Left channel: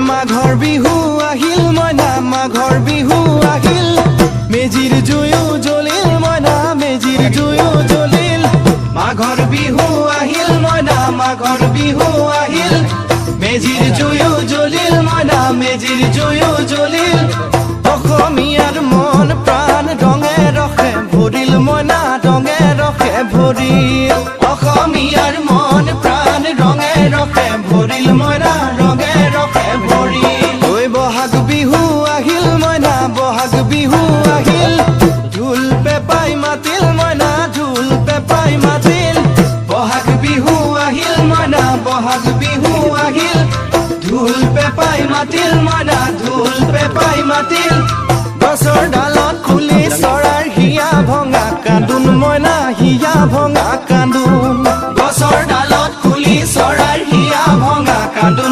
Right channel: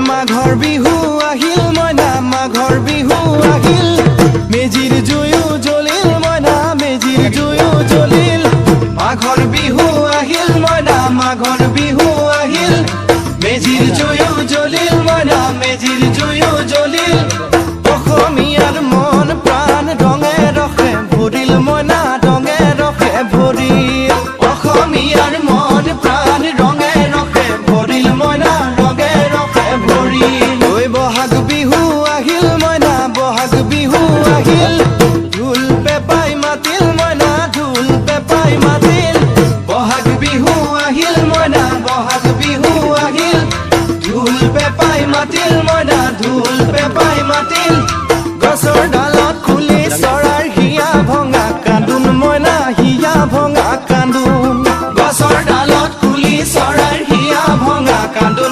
মাঘৰ বিহু আহিল মইনা মাঘৰ বিহু আহিল মেজিৰ জুয়ো জ্বলিল মইনা মেজিৰ জুয়ো জ্বলিল মাঘৰ বিহু আহিল মইনা মাঘৰ বিহু আহিল মেজিৰ জুয়ো জ্বলিল মইনা মেজিৰ জুয়ো জ্বলিল অসমীয়াৰ মন প্ৰাণ ৰঙে ৰখে ভৰিল মইনা ৰঙে ৰখে ভৰিল অসমীয়াৰ মন প্ৰাণ ৰঙে ৰখে ভৰিল মইনা ৰঙে ৰখে ভৰিল ঐ বহাগ বিহু আহিল মইনা বহাগ বিহু আহিল ঢোল পেপাই মাতিল মইনা ঢোল পেপাই মাতিল বহাগ বিহু আহিল মইনা বহাগ বিহু আহিল ঢোল পেপাই মাতিল মইনা ঢোল পেপাই মাতিল গছৰ ডালত খুলি চৰাৰ হিয়া ভঙা কান্দোন মইনা হিয়া ভঙা কান্দোন গছৰ ডালত খুলি চৰাৰ হিয়া ভঙা কান্দোন